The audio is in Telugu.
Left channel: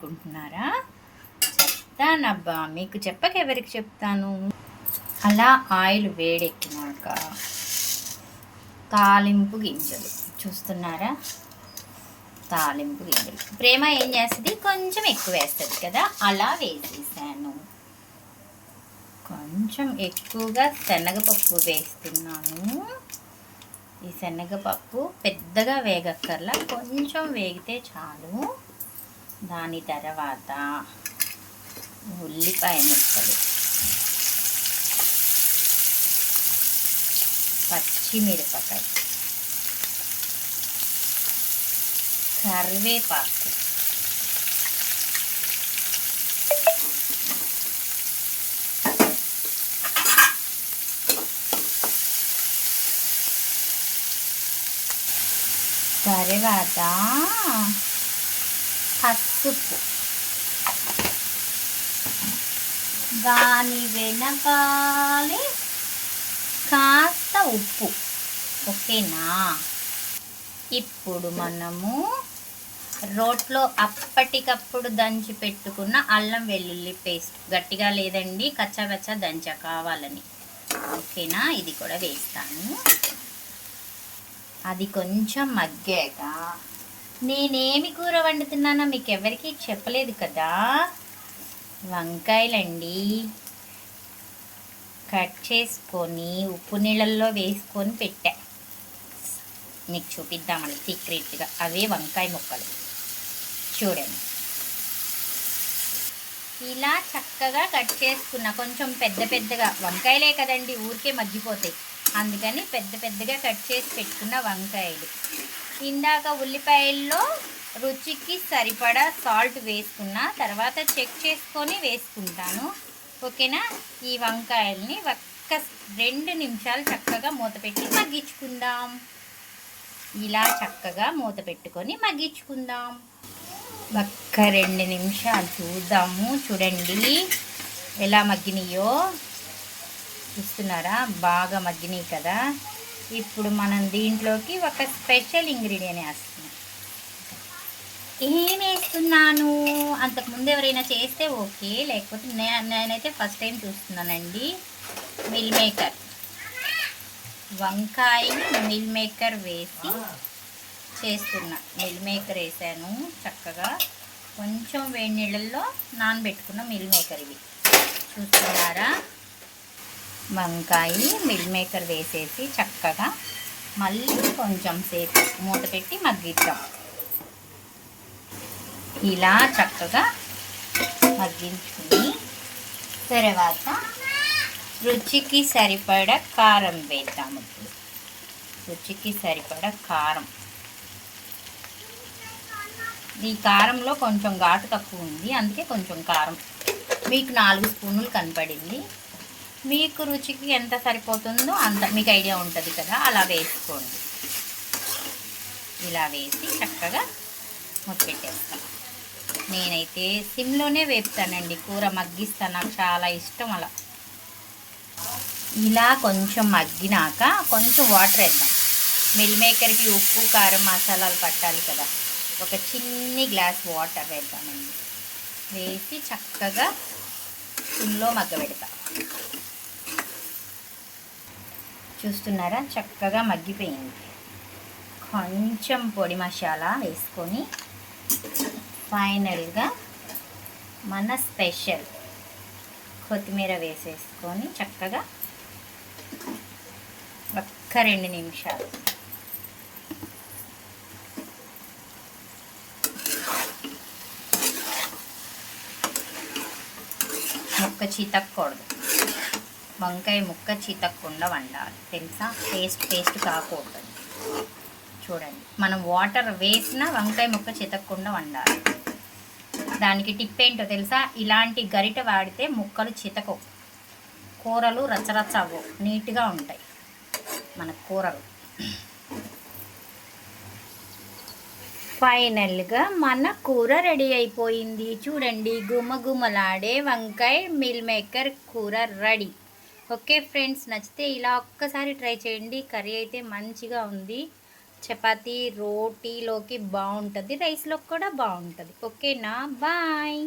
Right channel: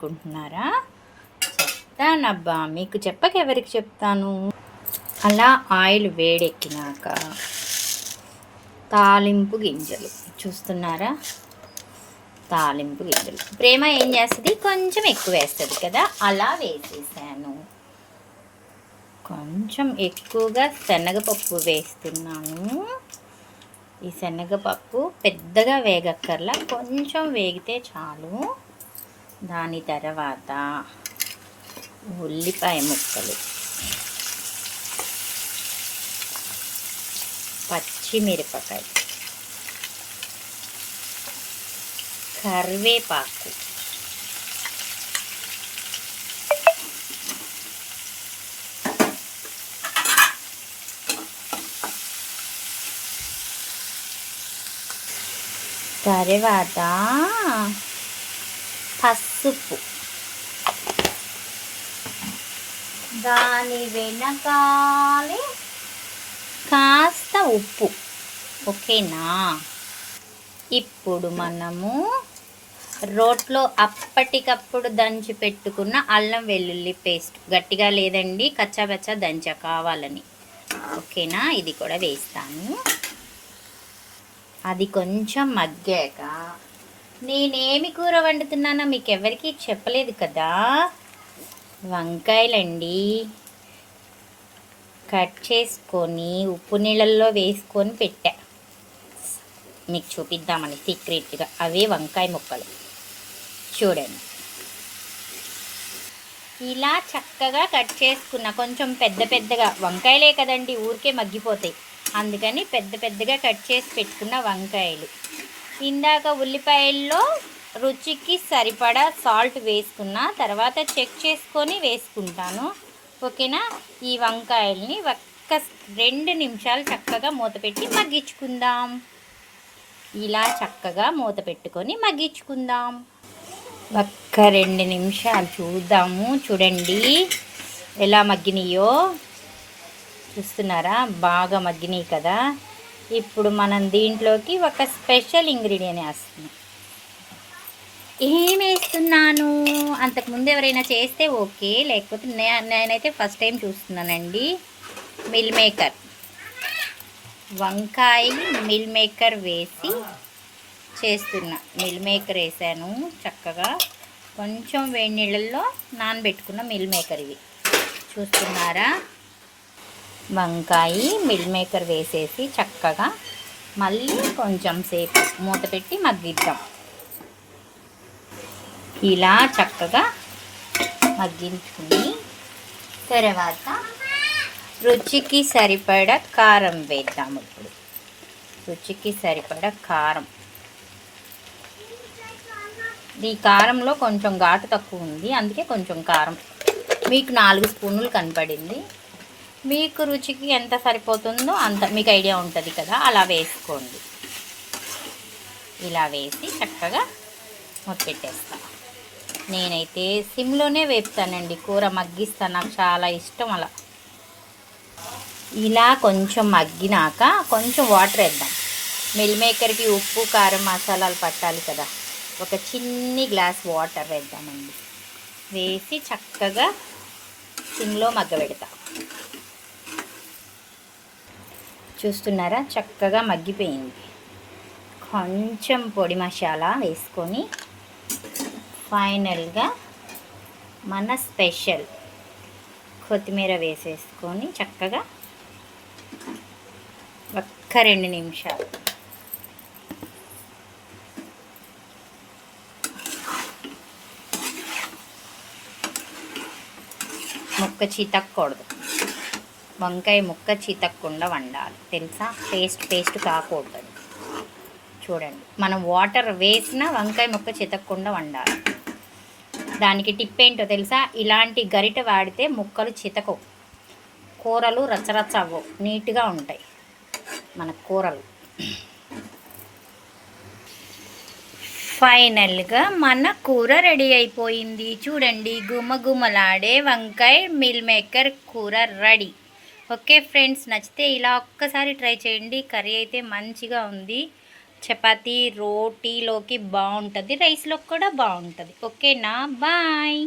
అనుకుంటున్నారా? చెప్తానబ్బా, మీకు చెప్పక ఎవరికి చెప్తాను. అలా ఆయిల్ వేడెక్కినాక తాలింపు గింజలు చూస్తున్నారా? తాలింపు గింజలు ప్రేమ ఏం చేస్తుంది, కొంచెం ఎక్కువ వేస్తుంది కదా, అలా వేసేసాను. కొంచెం ఎక్కువగా శనగపప్పు వేస్తున్నాను. ఈ శనగపప్పు పెద్దగా వేగక్కర్లా, కొంచెం వేగితే చాలు. దాని తర్వాత ఉల్లిపాయ ముక్కలు, పచ్చిమిరపకాయ, కరివేపాకు, తర్వాత పసుపు, దాని వెనకాలే కాస్త ఉప్పు. ఓకేనా? ఇప్పుడు మనము రోట్లో అప్పటికప్పుడు దంచి పెట్టుకున్న అల్లం వెల్లుల్లి పేస్ట్, గట్టిగా లేదండి, కచ్చాపచ్చా దంచ కావాలని. ఓకేనా? ఇది కూడా వేస్తాను. అది కొంచెం మగ్గాక నేనేమి కూర వండుతున్నానో మీకు ఎవరికి చెప్పలేదు కదా. వంకాయలండి, కట్ చేసుకొని ఉప్పు నీళ్ళల్లో వేసుకొని పెట్టా, మీకు చూపిద్దామని సీక్రెట్గా. అవే వంకాయ ముక్కలు చూడండి. ఇలా చక్కగా కట్ చేసుకున్న, కొంచెం పెద్ద పెద్దగా, వంకాయలే కదండి ఊరికే మగ్గిపోతాయి, అందుకని పెద్ద పెద్దగా కట్ చేసి పెట్టుకున్న వంకాయలు. ఇందాక ఉల్లిపాయల్లో రుచికి సరిపడా సాల్ట్ వేసుకున్న, తర్వాత చెక్ చేసుకొని వేసుకుంటాను. ఓకేనా? ఈ వంకాయల్ని ఒక్క 2 నిమిషాలు చక్కగా మూత పెట్టి మగ్గించుకుందాం. ఇలా చక్కగా మూత పెట్టుకొని మగ్గించుకుందాం. ఒక్క 2 నిమిషాలు చూద్దాము. చూడండి ఎలా మగ్గినాయో, చూస్తున్నారా? బాగా మగ్గినాయి కదా. ఇప్పుడు మనం దీంట్లోకి ఒక స్పెషల్ ఇంగ్రీడియంట్ వేస్తున్నాం. ఏం వేస్తున్నాను, అంతకుముందు ఎవరైనా చేస్తే ఓకే, లేకపోతే నేనైతే ఫస్ట్ టైం చూస్తున్నానండి. మిల్ మేకర్, వంకాయ మిల్ మేకర్ వేసి చేస్తున్నా. మిల్ మేకర్ వేసాను చక్కగా, కొంచెం వేడి నీళ్ళల్లో నానబెట్టుకున్న మిల్ మేకర్ ఇవి చూస్తున్నారా. వంకాయ మిల్ మేకర్ వేసేసి చక్కగా మళ్ళీ కొంచెం సేపు మూత పెట్టి మగ్గిద్దాం. ఇలా చక్కగా మగ్గించుకుని తర్వాత రుచికి సరిపడా కారం వేద్దాము. ఇప్పుడు రుచికి సరిపడా కారం. ఈ కారంలో కొంచెం ఘాటు తక్కువ ఉంది, అందుకే కొంచెం కారం. మీకు 4 స్పూన్లు కనపడింది. మీకు రుచికి ఎంత సరిపోతుందో అంత మీకు ఐడియా ఉంటుంది కదా, అలా వేసుకోండి. ఇలా వేసి చక్కగా పెట్టేస్తాను. నేనైతే సిమ్లోనే వేపుతానండి, కూర మగ్గిస్తాను, నాకు చాలా ఇష్టం అలా. ఇలా కొంచెం మగ్గినాక కొంచెం వాటర్ వేద్దాం. మిల్ మేకర్కి ఉప్పు కారం మసాలాలు పట్టాలి కదా, ఒక చిన్ని గ్లాస్ వాటర్ వేద్దామండి. వేసి చక్కగా సిమ్లో మగ్గబెడతా. చూస్తున్నారా? చక్కగా మగ్గిపోయింది. కొంచెం పొడి మసాలా వేసుకొని ఫైనల్గా మన స్పెషల్ కొత్తిమీర వేసేసుకొని చక్కగా ఒక్క 2 నిమిషాలు ముక్క చితక్కూడదు, వంకాయ ముక్క చితక్కుండా వండాలి, తెలుసా? పేస్ట్ కాకూడదు. చూడండి, మనం వాటర్ వేసిన వంకాయ ముక్క చితక్కుండా వండాలి. దానికి టిప్ ఏంటో తెలుసా? ఇలాంటి గరిట వాడితే ముక్కలు చితకవు, కూరలు రచ్చరచ్చ అవ్వవు, నీట్గా ఉంటాయి మన కూరలు. ఫైనల్గా మన కూర రెడీ అయిపోయింది. చూడండి, గుమగుమలాడే వంకాయ మిల్ మేకర్ కూర రెడీ. ఓకే ఫ్రెండ్స్, నచ్చితే ఇలా ఒక్కసారి ట్రై చేయండి. కర్రీ అయితే మంచిగా ఉంది. చపాతీ రోటీలోకి బాగుంటుంది, రైస్లోకి కూడా బాగుంటుంది. ఓకేనా? బాయ్.